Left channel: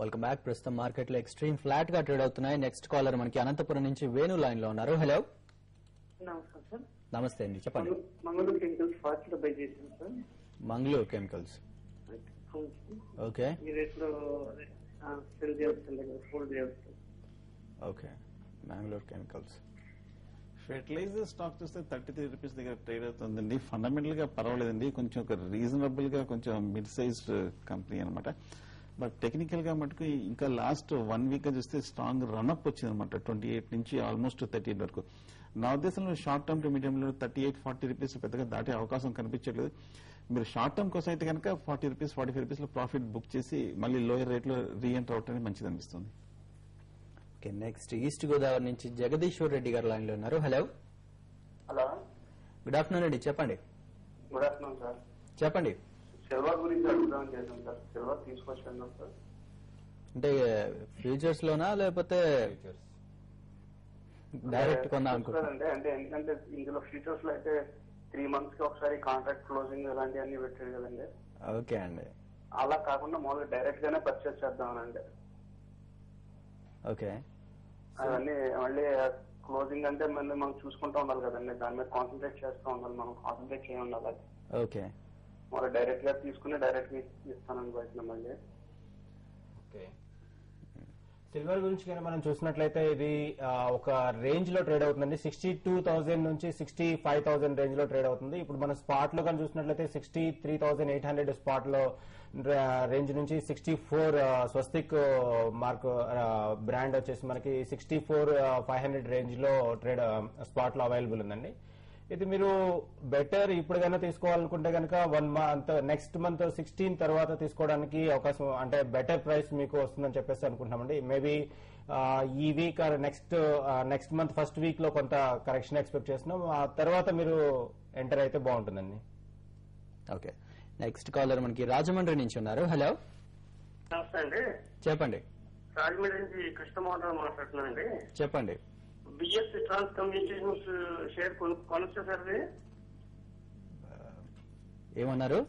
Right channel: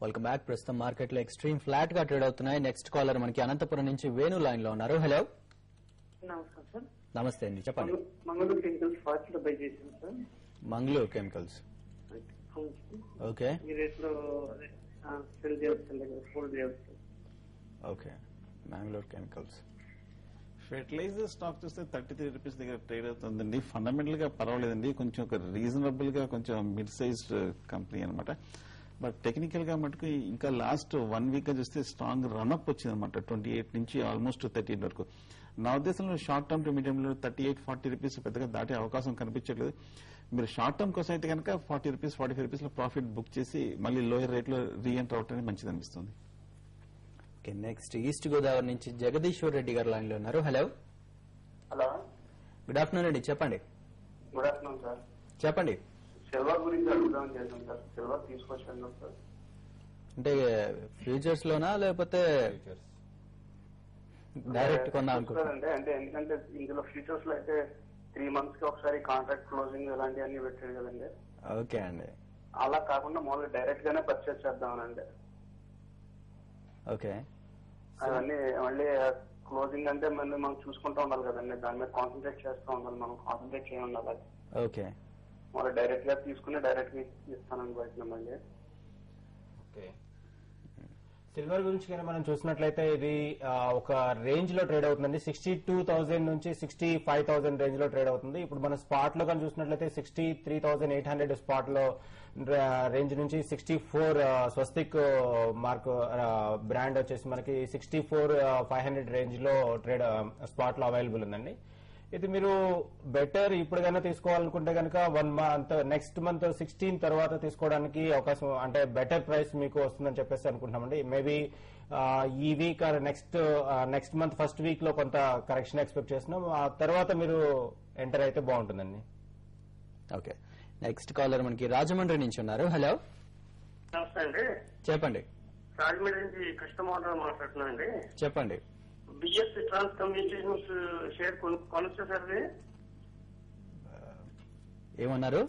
Welcome back. ప్రస్తుతం market లో extreme flat గా ట్రేడ్ అవుతున్నాయి. నెక్స్ట్ కాలర్ మనకి అనంతపురం నుంచి వేణు లైన్ లో ఉన్నారు. హలో, నమస్తే అండి, చెప్పండి. మంగళూరు కెమికల్స్ ఫాస్ట్ లో బై చేసాను సార్. మంగళూరు కెమికల్స్, ఓకే మీరు ఎప్పుడు సెల్ చేయవచ్చు, ఫోల్డ్ చేయవచ్చు. Okay, Mangalore chemicals fertiliser stock చూస్తే 33 రూపీస్ దగ్గర ట్రేడ్ అవుతుందండి. ఫండమెంటల్ గా పర్వాలేదండి, కొంచెం ఒక రీజనబుల్ గా కొంచెం మిడ్ సైజ్ కంపెనీ అనమాట. బట్ టెక్నికల్ గా మటుకు ఇంకా లాస్ట్ 1 వీక్ గా చూస్తే స్ట్రాంగ్ రన్అప్ వచ్చింది అనమాట. 28 నుంచి ఆల్మోస్ట్ 38 వరకు. నా ఉద్దేశంలో షార్ట్ టర్మ్ టు మీడియం లో 38-40 రూపీస్ పెద్దగా దాటే అవకాశం కనిపించలేదు. మీరు షార్ట్ టర్మ్ కోసం అయితే కనుక 40 రూపీస్ 45 రూపీస్ లో ప్రాఫిట్ బుక్ చేసి మళ్ళీ లోయర్ రేట్ లో రీఎంటర్ అవటం మంచిది అనిపిస్తుంది. నెక్స్ట్ ఈస్ట్ గోదావరి నుంచి జగదీశ్వర్ రెడ్డి గారు లైన్ లో ఉన్నారు. హలో, హలో, గుడ్ ఆఫ్టర్నూన్ అండి, చెప్పండి. Good afternoon sir. చెప్పండి. సిల్వర్ గురించి అడుగుదాం చేసాం సార్. సిల్వర్ తీసుకొచ్చాను సార్. అంటే ఫ్యూచర్స్ లోనా లేకపోతే డైరెక్ట్ కొన్నా అనుకుంటున్నారా? అంటే ఎందుకంటే ఇందులో ఫ్యూచర్స్ లో అయితే 3 months కి ఒకసారి కాంట్రాక్ట్ క్లోజింగ్ ఇలాంటివన్నీ పెట్టారు కదండి. ఓకే అండి, అలా కాకుండా మామూలు డైరెక్ట్ గానే పర్చేస్ చేద్దామండి. ఓకే. అవన్నీ మళ్ళీ క్లోజింగ్ అంటే మళ్ళీ మనం చూసుకుంటూ ఉండాలి కదండి, దాని మీద కాన్సన్ట్రేట్ చేస్తూ ఉండాలి. మనం కాన్సన్ట్రేట్ చేయ ఉండాలి. ఓకే, మరి డైరెక్ట్ గా తీసుకుని డైరెక్ట్ గా ఇస్తానని ప్రయత్నం అండి. సిల్వర్ గురించి కానీ మనం చూసినట్లయితే ఇది ఒక రేంజ్ లో ట్రేడ్ అవుతుందండి. 62,000 నుంచి 65,000 రేంజ్ లో ట్రేడ్ అవుతుంది. ఇప్పుడు మనం స్పాట్ లో కానీ చూసినట్లయితే 63,800 స్పాట్ లో రేంజ్ నుంచి 64 స్వస్తిక్ మార్క్ బ్రాండ్ వచ్చేసి మనకి 64,500 రేంజ్ లో ట్రేడ్ స్పాట్ లో అవైలబుల్ ఉందండి. ఇది మీరు బెటర్ ఇప్పుడు కనుక తీసుకోవాలనుకుంటే కనుక 1 month నెక్స్ట్ మంత్ 16 తర్వాత తీసుకోవడానికి అవకాశం, అంటే బెటర్ ప్రైస్ మీకు వస్తుందని చెప్పేసి అనుకుంటామండి. మేబీ ఈ week next month first week లో కొంత కరెక్షన్ ఎక్స్పెక్ట్ చేస్తున్నాం. ఆ తర్వాత మీరు ఎంటర్ అయితే బాగుంటుందండి. ఓకే. నెక్స్ట్ కాలర్ మనకి రాజమండ్రి నుంచి ఉన్నారు. హలో, నమస్తే అండి, చెప్పండి. రాజమండ్రి నుంచి కృష్ణమోహన్ మాట్లాడుతున్నానండి. చెప్పండి. బిఎస్ ట్రాన్స్ కమ్యూనికేషన్స్ షేర్ కొనొచ్చా సార్? ఏమన్నారు?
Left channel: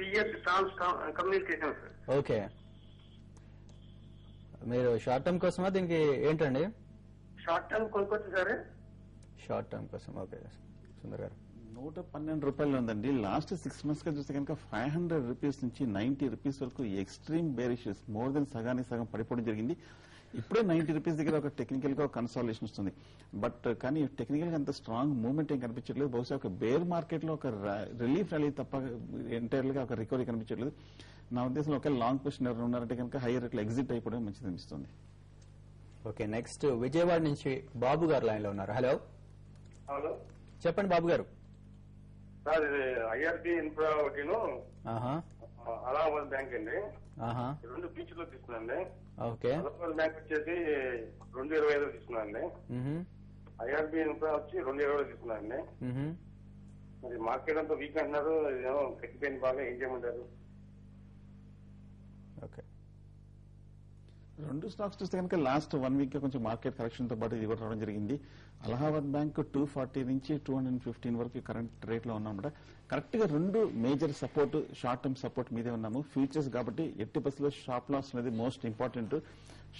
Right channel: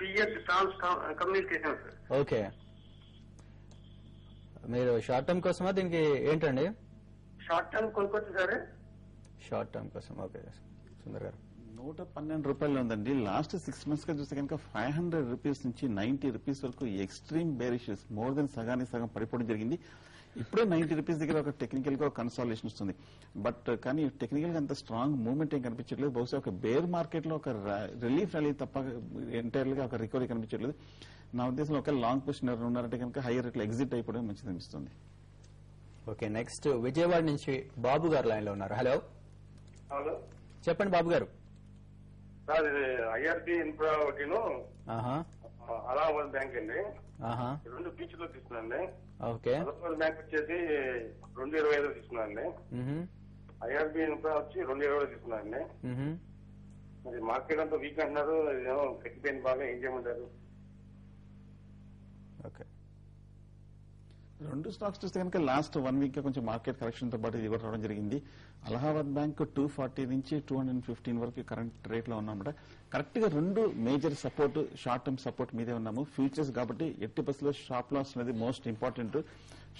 బిఎస్ ట్రాన్స్ కమ్యూనికేషన్స్. ఓకే, మీరు షార్ట్ టర్మ్ కోసమా దీనికి ఏంటండి? షార్ట్ టర్మ్ కొనుక్కోవచ్చు సార్. షార్ట్ టర్మ్ కోసం, ఓకే. సుందర్ గారు, 112 రూపాయలు ఉందండి. లాస్ట్ 6 months గా చూస్తే కనుక 500 రూపీస్ నుంచి 90 రూపీస్ వరకు ఎక్స్ట్రీమ్ బేరిషెస్ మోర్ దెన్ సగానికి సగం పడిపోవడం జరిగింది. ఇప్పుడే 90 రూపీస్ దగ్గర ఒక టెక్నికల్ గా ఒక కన్సాలేషన్ వస్తుంది. బట్ కానీ టెక్నికల్ గా అంత స్ట్రాంగ్ మూవ్మెంట్ ఏం కనిపించలేదు. బహుశా ఒక బేర్ మార్కెట్ లో ఒక రిలీఫ్ ర్యాలీ తప్ప ఎంటైర్లీ గా ఒక రికవరీ కనిపించలేదు. నా ఉద్దేశంలో ఒక లాంగ్ పొజిషన్ ఉన్నారంటే కనుక హైయర్ రేట్ లో ఎగ్జిట్ అయిపోవడం మంచిది అనిపిస్తుంది. ఓకే. నెక్స్ట్ విజయవాడ నుంచి బాబు గారు లైన్ లో ఉన్నారు. హలో, హలో, చెప్పండి బాబు గారు. సార్ ఐఆర్బి ఇన్ఫ్రా ఒకటిను అలహాబాద్ బ్యాంక్ అండి, 2 బీచ్ లో తీసుకున్నాండి. ఓకే. అలహాబాద్ బ్యాంక్ వచ్చేసి 2.25 తీసుకున్నాండి. ఐఆర్బి ఇన్ఫ్రా వచ్చి 2.20 తీసుకున్నాండి. మరి మార్కెట్ అంతా వీక్ అంటున్నారు, సెకండ్ బాగా ఏం చేయమంటారు? ఓకే. 2 స్టాక్స్ చూస్తే కనుక లాస్ట్ 1 వీక్ లో కొంచెం మార్కెట్ కరెక్షన్ తో పాటు ఇది రావడం జరిగింది. అలహాబాద్ బ్యాంక్ 240 నుంచి 215 వరకు కరెంట్ రేట్ లో ఉన్నాం. కరెక్ట్ గా 2 major support, short term support మీదే ఉన్నాము. ఫ్యూచర్స్ కాబట్టి ఎట్టి బస్సులో స్టాప్ లాస్ అనేది most important.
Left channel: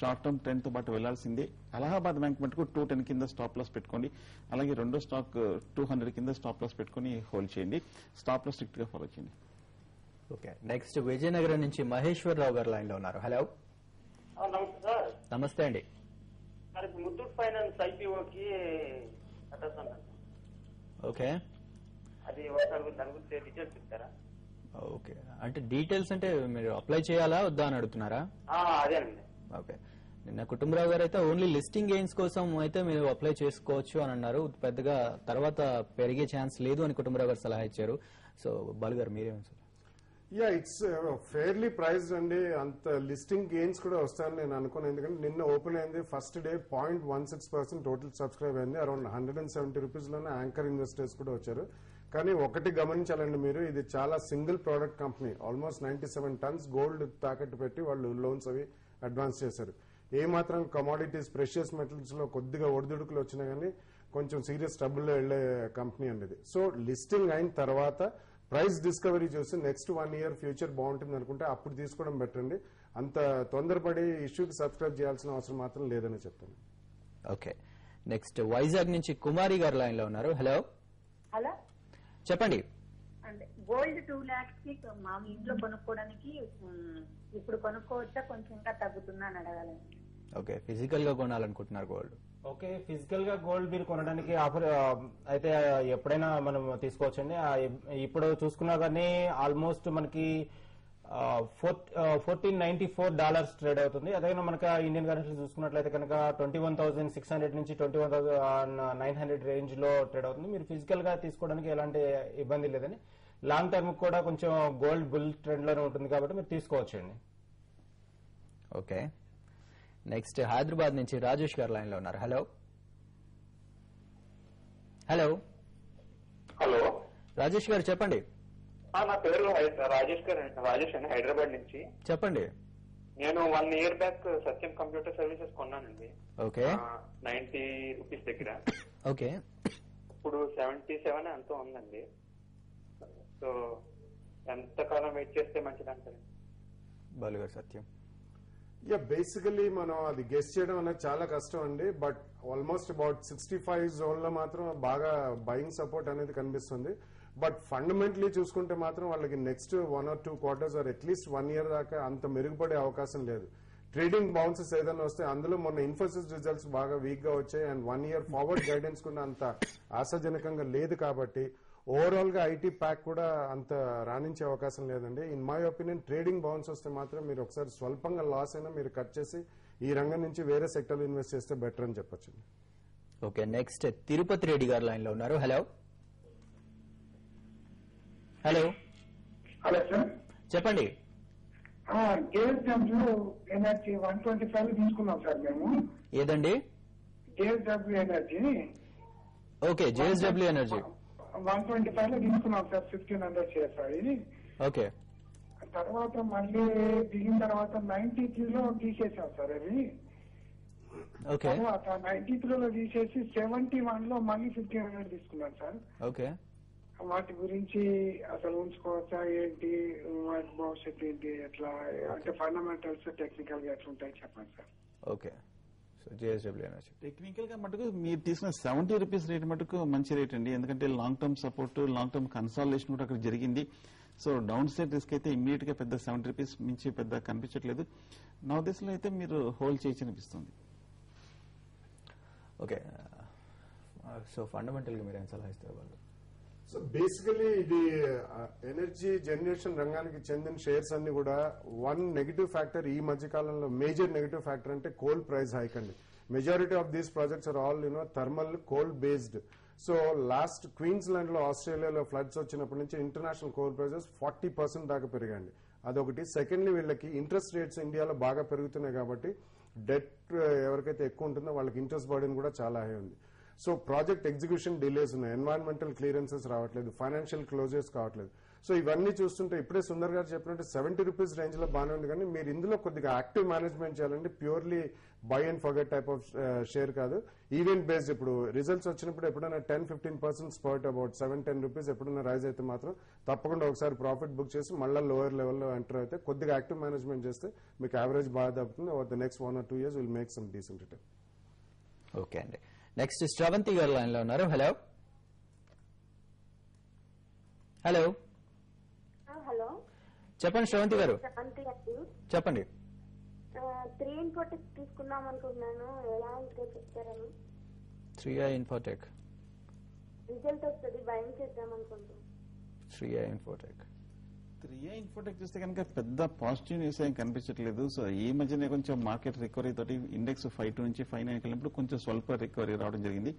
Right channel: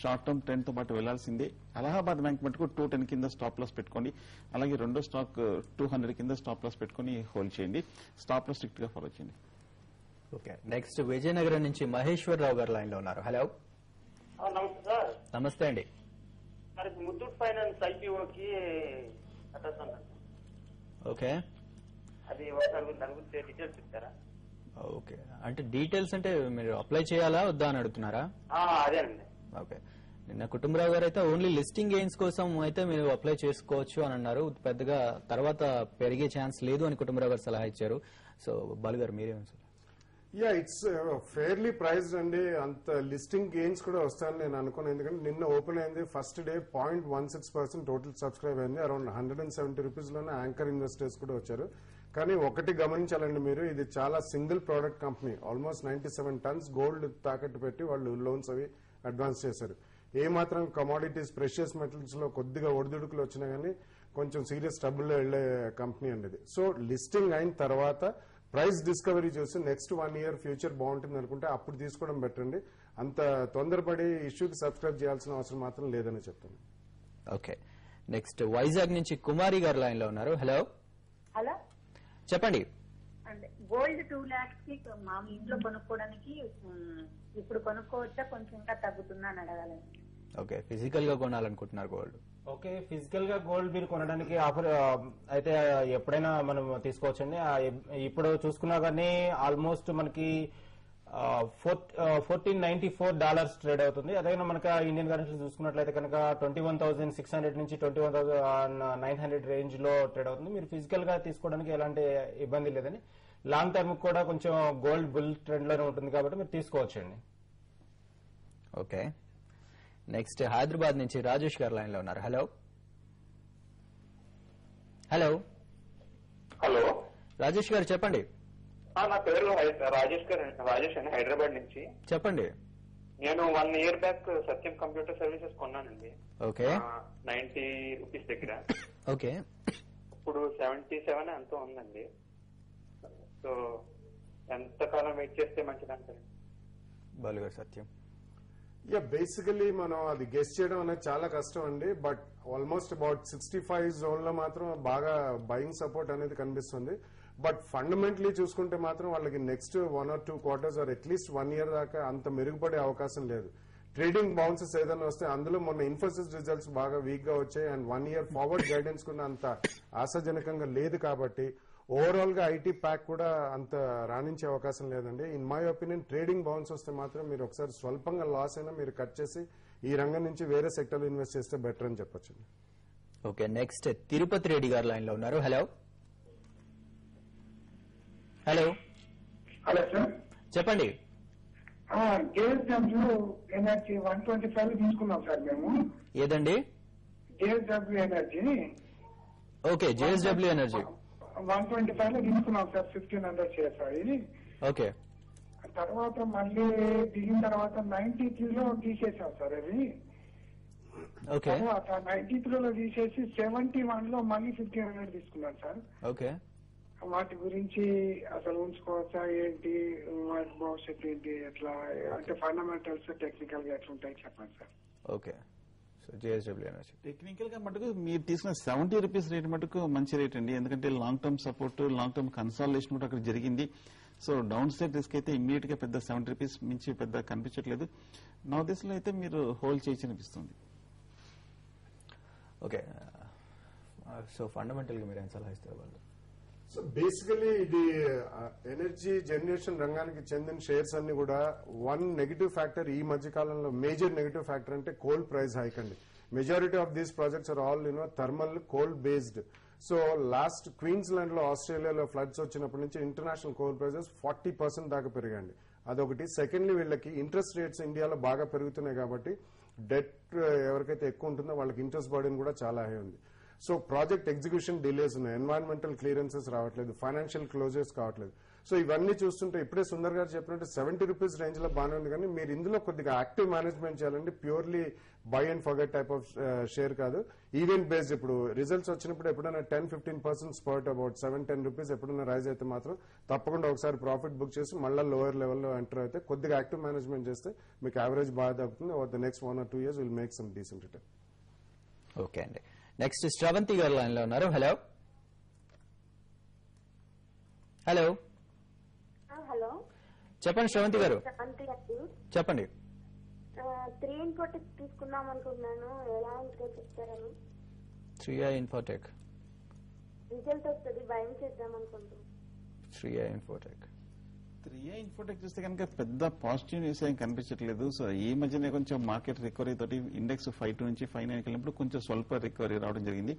Short term trend తో పాటు వెళ్లాల్సిందే. అలహాబాద్ బ్యాంక్ మటుకు 210 కింద స్టాప్ లాస్ పెట్టుకోండి. అలాగే రెండో స్టాక్ 200 కింద స్టాప్ లాస్ పెట్టుకుని హోల్డ్ చేయండి. స్టాప్ లాస్ స్ట్రిక్ట్ గా ఫాలో చేయండి. ఓకే. నెక్స్ట్ విజయనగరం నుంచి మహేశ్వర్ రావు గారు లైన్ లో ఉన్నారు. హలో, నమస్తే సార్. నమస్తే అండి. ముత్తూట్ ఫైనాన్స్ ఐపీఓకి ఓకే. అది ఒకసారి మీరు దాని గురించి డీటెయిల్స్ ఇస్తారా? ఓకే, అంటే డీటెయిల్స్ అంటే మీరు అప్లై చేయాలా వద్దా అని అడుగుతున్నారా? అదే అండి. ఓకే. నిన్న కుటుంబరావు గారు అయితే ఓన్లీ లిస్టింగ్ గెయిన్స్ కోసం అయితే మీరు అప్లై చేసుకోవచ్చు అని అన్నారు. పెద్దగా తర్వాత పెరిగే ఛాన్స్ లేదు అని కుటుంబరావు గారు సలహా ఇచ్చారు. సో బాలు గారు మీరేం? ఇట్స్ ఫెయిర్లీ ప్రైస్డ్ అండి. అంత లిస్టింగ్ గెయిన్స్ కూడా వస్తాయని నేను అనుకున్నాను. ఎందుకంటే నిన్న ఓపెన్ అయింది, ఫస్ట్ డే 0.16% టోటల్ సబ్స్క్రైబ్ అయింది. అరౌండ్ 170 రూపీస్ లోనే యాంకర్ ఇన్వెస్టర్స్ కూడా వచ్చారు. కానీ ఒకటి గమనించాలండి మీరు, ఇది చాలా single product company. Almost 97 turns gold తాకట్టు పెట్టి వాళ్ళు లోన్స్ అవి అడ్వాన్స్ చేశారు. ఏ మాత్రం కమోడిటీస్ ప్రెషియస్ మెటల్స్ లో కొద్దిగా ఒడిదుడుకులు వచ్చినా కానీ కొంచెం సీరియస్ ట్రబుల్ లో వెళ్లే కంపెనీ అనేది. సో లిస్టింగ్ అయిన తర్వాత ప్రైస్ డిస్కవరీ చూసి నెక్స్ట్ 1 year ఫ్యూచర్ బాగుంటుంది అనుకుంటే అప్పుడు తీసుకోవడం బెటర్ అండి. అంత తొందరపడి ఇష్యూకి సబ్స్క్రైబ్ చేయాల్సిన అవసరం మాత్రం లేదని చెప్పండి. ఓకే, నెక్స్ట్ వైజాగ్ నుంచి కుమారి గారు లైన్ లో ఉన్నారు. హలో హలో, చెప్పండి. గోల్డ్ 2 lakhs కి మా ఇంట్లో కొనుక్కోవడానికి ఇప్పుడు కొనుక్కోవచ్చా, కొంచెం తగ్గుతుందా అని అడగాలి. ఓకే, ఫిజికల్ గా కొనాలనుకుంటున్నారు గోల్డ్. ఓకే, ఫిజికల్ గా గోల్డ్ మీరు కొనడానికి ఆఫర్ అయితే ఎప్పుడైనా మనం తీసుకోవచ్చండి. ఇప్పుడు చూసుకున్నా కానీ ఆల్మోస్ట్ మనకి $1494 ట్రేడ్ అవుతుంది. అదే మనకి ఇండియన్ కరెన్సీ చూసుకున్నట్లయితే కనుక 21,600 నుంచి 21,900 రేంజ్ లో ట్రేడ్ అవుతుంది. మీరు ఫిజికల్ గా తీసుకోవడానికి ఎలాంటి ఇబ్బంది లేదని, లాంగ్ టర్మ్ కూడా కొంచెం గోల్డ్ బుల్ ట్రెండ్ లోనే ఉంటుంది కాబట్టి మీరు తీసుకోవచ్చండి. ఓకే, నెక్స్ట్ హైదరాబాద్ నుంచి రాజేష్ గారు లైన్ లో ఉన్నారు. హలో హలో హలో, రాజేష్ గారు చెప్పండి. నా పేరు రాజేష్ గారు, రాజేష్ అండి, హైదరాబాద్ నుంచి. చెప్పండి. నేను 1 year బ్యాక్ సత్యం కంప్యూటర్ సర్వీసెస్ కొన్నానండి. ఓకే, 90 రూపీస్ దగ్గర. ఓకే, ఇప్పుడు 77 ఎంతో ఉందండి. సో ఎంతకాలం వెయిట్ చేస్తే మంచిదంటే? బాలు గారు సత్యం. బేసికలీ మనం అది గెస్ చేయడం అనేది చాలా కష్టం అండి. బట్ ఆల్మోస్ట్ అబౌట్ 65 జోన్ లో మాత్రం బాగా బయింగ్ సపోర్ట్ అనేది కనిపిస్తుంది. బట్ ఫండమెంటలీ చూసుకుంటే మాత్రం వాళ్ళకి next 1 or 2 quarters or at least 1 year దాకా అంత మెరుగుపడే అవకాశం లేదు. ట్రేడింగ్ బౌన్సెస్ ఏదైనా వస్తే అందులో మొన్న ఇన్ఫోసిస్ రిజల్ట్స్ బాగా వీక్ గా వచ్చాయి అండ్ 1 year ఫార్వర్డ్ గైడెన్స్ కూడా అంత ఆశాజనకంగా లేదు కాబట్టి ఓవరాల్ గా ఐటీ ప్యాక్ కూడా అంత రాణించే అవకాశం లేదండి. In my opinion trading bounce వస్తే మాత్రం మీరు ఒకసారి స్వల్పంగా లాస్ అయినా మీరు కట్ చేసి ఈ రంగం నుంచి వేరే సెక్టర్ ఇన్వెస్ట్ చేస్తే బెటర్ అని చెప్పొచ్చు. ఓకే, నెక్స్ట్ తిరుపతి రెడ్డి గారు లైన్ లో ఉన్నారు. హలో హలో హలో సార్, చెప్పండి. జేఎస్డబ్ల్యూ ఎనర్జీ 125 తీసుకున్నాం సార్ మేము. ఏదండి? JSW energy. Okay, JSW energy 125 లో తీసుకున్నాం సార్, 1500 షేర్స్ ఇది. ఓకే, తర్వాత మళ్ళీ దిగిన తర్వాత 93 లో తీసేసాం సార్ అది. ఓకే, తర్వాత 93 లో తీసేసి 71 లో మళ్ళీ 1500 తీసుకున్నాం సార్. ఓకే. వాటి గురించి అసలు ఉంచుకోవచ్చా ఏంటి, వాటి భవిష్యత్తు ఏంటి, ఎట్లా అంటే ఫండమెంటల్స్ టెక్నికల్ గా ఎట్లా ఉంటాయి చెప్పండి sir. Okay, so JSW energy technical గా మటుకు మీరు తీసుకున్న 70 రూపీస్ రేట్ మటుకు మంచి రేట్ అండి. ఎందుకంటే long term support, long term consolidation కూడా అక్కడ జరిగింది. సో డౌన్ సైడ్ రిస్క్ అయితే ఇమ్మీడియట్ గా పెద్ద 70 రూపీస్ మించి పెద్ద కనిపించట్లేదు. నా ఉద్దేశంలో అయితే మీరు హోల్డ్ చేసి అనిపిస్తుంది. ఓకే, సో ఫండమెంటల్ గా మీరు ఏం సలహా ఇస్తారు వాళ్ళు? సో బేసికలీ ఇది ఎనర్జీ జనరేషన్ రంగానికి చెందిన షేర్స్ అన్ని కూడా వన్ నెగిటివ్ ఫ్యాక్టర్ ఈ మధ్య కాలంలో, మేజర్ నెగిటివ్ ఫ్యాక్టర్ అంటే కోల్ ప్రైస్ హైక్ అండి. Majority of these projects are all thermal coal based. So last Queensland లో ఆస్ట్రేలియాలో ఫ్లడ్స్ వచ్చినప్పటి నుంచి ఇంటర్నేషనల్ కోల్ ప్రైజెస్ 40% దాకా పెరిగండి. అదొకటి. సెకండ్లీ వీళ్ళకి ఇంట్రెస్ట్ రేట్స్ ఇండియాలో బాగా పెరుగుతున్నాయి కాబట్టి డెట్ ఎవరికైతే ఎక్కువ ఉంటుందో వాళ్ళకి ఇంట్రెస్ట్ బర్డెన్ కూడా చాలా హై ఉంది. సో ప్రాజెక్ట్ ఎగ్జిక్యూషన్ డిలేస్ ఉన్నాయి, ఎన్వైరన్మెంటల్ క్లియరెన్సెస్ రావట్లేదు, ఫైనాన్షియల్ క్లోజర్స్ కావట్లేదు. సో ఇవన్నీ చూస్తుంటే ఇప్పుడే సుందర్ గారు చెప్పినట్టు 70 రూపీస్ రేంజ్ లో బాగానే ఉంది, కానీ మీరు ఇందులో కొద్దిగా యాక్టివ్ మేనేజ్మెంట్ చేయాలండి. Purely by and forget type of share కాదు, ఈవెంట్ బేస్డ్. ఇప్పుడు రిజల్ట్స్ వచ్చినప్పుడు ఎప్పుడైనా 10-15% స్పర్ట్ అబౌట్ 7-10 రూపీస్ ఎప్పుడైనా రైజ్ అయితే మాత్రం తప్పకుండా ఒకసారి ప్రాఫిట్ బుక్ చేసి మళ్ళీ లోవర్ లెవెల్లో ఎంటర్ అయితే కొద్దిగా యాక్టివ్ మేనేజ్మెంట్ చేస్తే మీకు యావరేజ్ బాగా తగ్గుతుంది. Over the next 1 or 2 years will make some decent return. Okay అండి, నెక్స్ట్ శ్రవంతి గారు లైన్ లో ఉన్నారు. హలో హలో హలో, చెప్పండి శ్రవంతి గారు. చెప్పండి. 3 Infotech తీసుకుందాం అనుకున్నాను, ఎలా చెప్తారు? 3i Infotech. రిజల్ట్ వస్తుంది, భయం చేద్దాం అనుకుంటున్నాను. 3i Infotech. 3i Infotech చూస్తే కనుక పెద్ద పాజిటివ్ న్యూస్ ఏం కనిపించట్లేదు. సో ఈ మధ్యనే కొంచెం మార్కెట్ రికవరీ తోటి ఇండెక్స్ 5 నుంచి 5.9 వెళ్ళినప్పుడు కొంచెం స్వల్ప రికవరీ రావడం జరిగింది.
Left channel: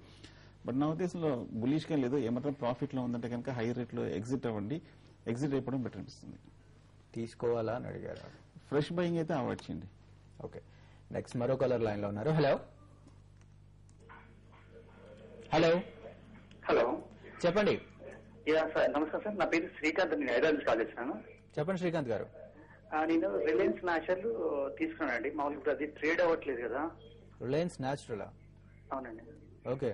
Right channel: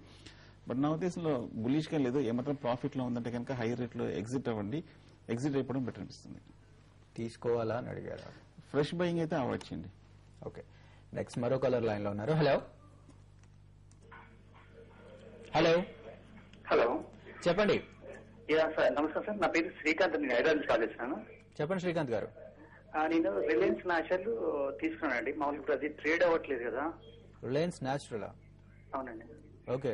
బట్ నా ఉద్దేశంలో బులిష్ గా లేదు. ఏమాత్రం ప్రాఫిట్ లో ఉందంటే కనుక హై రేట్ లో ఎగ్జిట్ అవ్వండి. ఎగ్జిట్ అయిపోవడం బెటర్ అనిపిస్తుంది. తీసుకోవాలా అని అడిగారా? ఫ్రెష్ బయింగ్ అయితే అవాయిడ్ చేయండి. ఓకే, నెక్స్ట్ మరో కలర్ లైన్ లో ఉన్నారు. హలో హలో హలో, చెప్పండి. సార్ నమస్తే సార్, నా పేరు శ్రీకాంత్, నేను హైదరాబాద్ కాల్ చేస్తాను. చెప్పండి శ్రీకాంత్ గారు. నేను రిలయన్స్ నాషర్లు తీసుకున్నానండి. మామూలు ఇప్పుడు అది ట్రేడ్ అవ్వట్లేదు కదా. Reliance natural. అవునండి. ఓకే,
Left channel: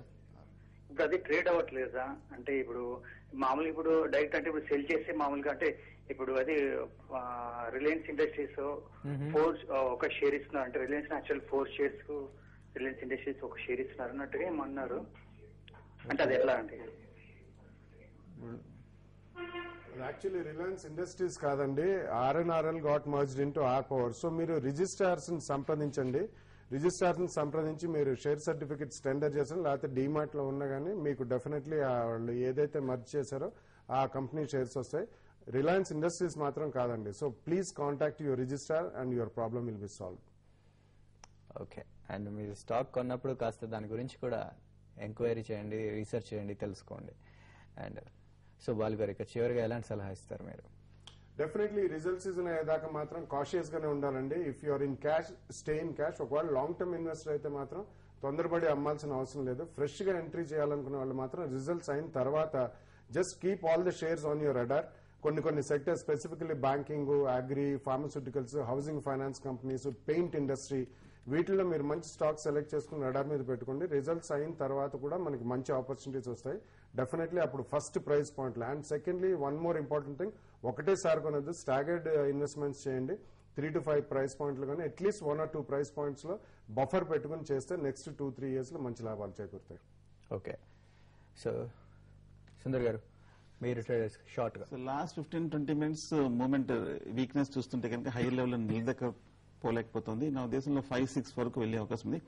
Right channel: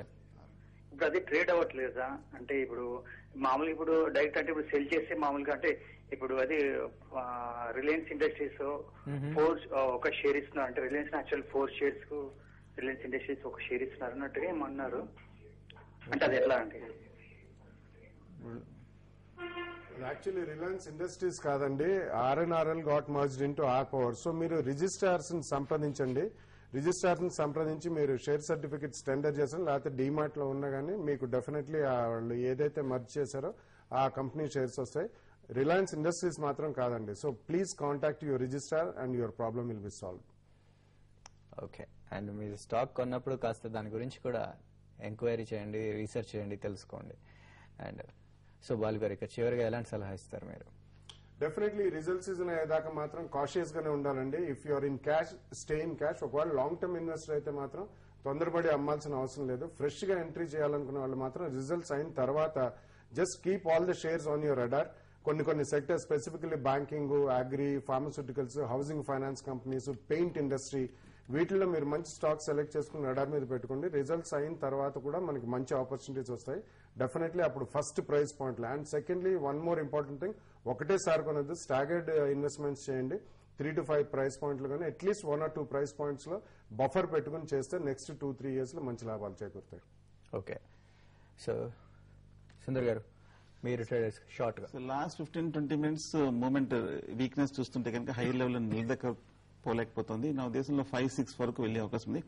ఇప్పుడు అది ట్రేడ్ అవ్వట్లేదు కదా, అంటే ఇప్పుడు మామూలుగా ఇప్పుడు డైరెక్ట్ అంటే ఇప్పుడు సెల్ చేస్తే మామూలుగా అంటే ఇప్పుడు అది రిలయన్స్ ఇండస్ట్రీస్ ఒక షేర్ ఇస్తున్నారు అంటే Reliance actual 4 shares Reliance Industries ఒక షేర్ ఇస్తున్నారు అన్నట్టుగా ఏమన్నారు అంటే అది ఎట్లా అంటే యాక్చువల్లీ రిలయన్స్ ఇండస్ట్రీస్ కాదండి, RNRL got merged into R power. So మీరు రిజిస్ట్రార్స్ సంప్రదించండి. రిజిస్ట్రార్స్ సంప్రదించి మీరు షేర్ సర్టిఫికెట్స్ టెండర్ చేశారు, లేకపోతే డీమార్ట్ లో ఉన్నా కానీ మీకు డెఫినెట్లీ వాళ్ళు ఏదైతే మర్జ్ చేశారో ఆ కంపెనీ షేర్స్ వస్తాయి. రిలయన్స్ ఇండస్ట్రీస్ మాత్రం కాదండి. So please contact your registrar and your problem will be solve. Okay, and మీరు స్టాక్ కొన్నప్పుడు కాస్త దాని గురించి కూడా ఎంక్వైరీ చేయండి, రీసెర్చ్ చేయండి, తెలుసుకోండి. అండ్ సో బాలు గారు ఇక చివరిగా ఎలాంటి సలహా ఇస్తారు మీరు? డెఫినెట్లీ రిజల్ట్ సీజన్ అయ్యేదాకా మాత్రం కాషియస్ గానే ఉండాలండి. If you're in cash, stay in cash. ఒకవేళ లాంగ్ టర్మ్ ఇన్వెస్టర్ అయితే మాత్రం తొందరపడి అమ్మాల్సిన అవసరం లేదు. ఫ్రెష్ గా ఎంట్రీ చేయాలనుకున్న వాళ్ళు మాత్రం రిజల్ట్స్ అయిన తర్వాత just keep all the shares on your radar. కొన్ని sectors specifically banking, agri, pharmaceuticals, housing finance companies, paint industry, వీటిలో మీరు మంచి స్టాక్ సెలెక్ట్ చేసుకుని రడార్ మీద పెట్టుకోండి. రిజల్ట్స్ అయిన తర్వాత కూడా మనకి మంచి ఆపర్చునిటీస్ వస్తాయి డెఫినెట్లీ. అప్పుడు first price point. And secondly one more important thing, ఒకటేసారి కొనద్దు, స్టాగర్డ్ ఇన్వెస్ట్మెంట్స్ చేయండి. 3 to 5 ప్రైస్ పాయింట్లు కానీ అట్లీస్ట్ 1 or 2 ప్రైస్ పాయింట్స్ లో బఫర్ పెట్టుకుని చేస్తే నెక్స్ట్ 2-3 years లో మంచి లాభాలు చేకూరుతాయి. ఓకే, సో సుందర్ గారు మీరు షార్ట్ గా లాస్ట్ 15-20 minutes మూమెంట్ వీక్నెస్ చూస్తుంటే కనుక హై లెవెల్ నిలదక పోలేకపోతుంది. నా ఉద్దేశంలో 5-6 వరకు వెళ్లే అవకాశం ఉంది.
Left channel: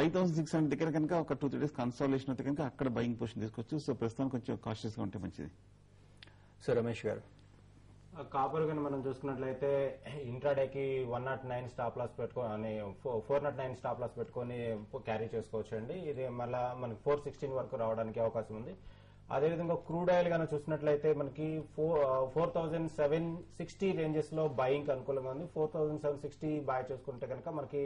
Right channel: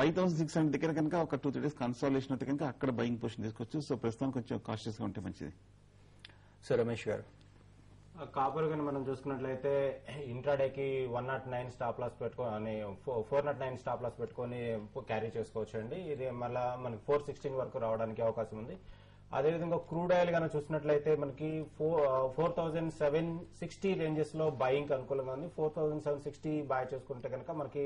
5,600 దగ్గర కనుక ఒక 2-3 days కన్సాలిడేషన్ అయితే కనుక అక్కడ బయింగ్ పొజిషన్ తీసుకోవచ్చు. సో ప్రస్తుతం కొంచెం కాషియస్ గా ఉంటే మంచిది. సో రమేష్ గారు కాపర్ కానీ మనం చూసుకున్నట్లయితే ఇంట్రాడేకి 109 స్టాప్ లాస్ పెట్టుకొని 409 స్టాప్ లాస్ పెట్టుకొని క్యారీ చేసుకోవచ్చు అండి. ఇది మళ్ళా మనకి 416 వరకు రావడానికి అవకాశం ఉంది. అదేవిధంగా క్రూడ్ ఆయిల్ కానీ చూసినట్లయితే మనకి 4,760 రేంజెస్ లో బయింగ్ అనుకూలంగా ఉంది. 4,760 బై చేసుకుంటే కనుక మనకి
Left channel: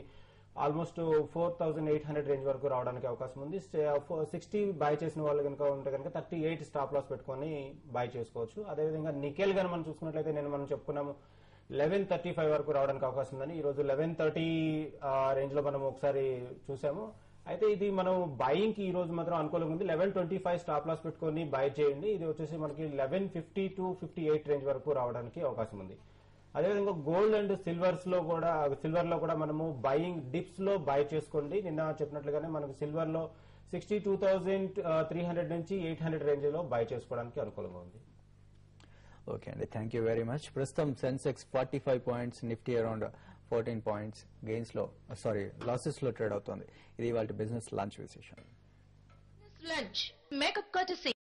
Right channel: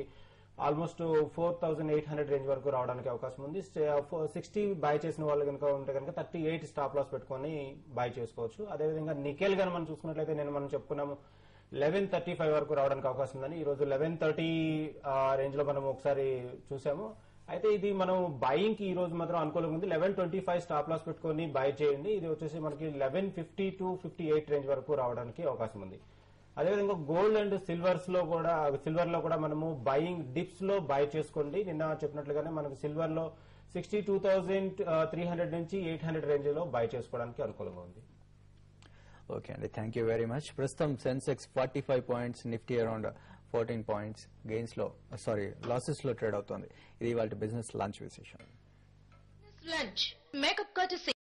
ఆల్మోస్ట్ 4,800 రేంజ్ వరకు రావడానికి అవకాశం ఉంది. 60 బై చేసిన వాళ్ళు కనుక ఉంటే కనుక 38 స్టాప్ లాస్ పెట్టుకొని బై చేసుకోవచ్చు. అదేవిధంగా నికెల్ గాని మనం చూసుకున్నట్లయితే మనం చెప్పుకున్నాము 1135 వరకు రావడానికి అవకాశం ఉందని. ఈ రోజు 1130 రేంజ్ లో మనం ఒకసారి చూసాము. అయితే ఇది మనం బయింగ్ కి ఈ రోజు మాత్రం అనుకూలంగా ఉంది. 1125 స్టాప్ లాస్ పెట్టుకొని బై చేయండి. ఇది వచ్చేసి మనకి 1150 to 58 రేంజ్ వరకు రావడానికి అవకాశం ఉంది. అదేవిధంగా గోల్డ్ అండ్ సిల్వర్ లో కూడా మనము బయింగ్ డిప్స్ లో బై చేసుకోండి. నిన్న చెప్పినట్లుగానే మనకు సిల్వర్ లో 62,300 నుంచి 800 రేంజ్ లో బై చేసుకోవడానికి అనుకూలంగా ఉంది. ఓకే అండి, థ్యాంక్ యూ వెరీ మచ్. ప్రస్తుతం Sensex 45 points, Nifty around 14 points gains లో లాసెస్ లో ట్రేడ్ అవుతోంది. ఇది వాళ్ళ బిజినెస్ లాంచ్ విశేషం. Lunch. Makeup courtesy.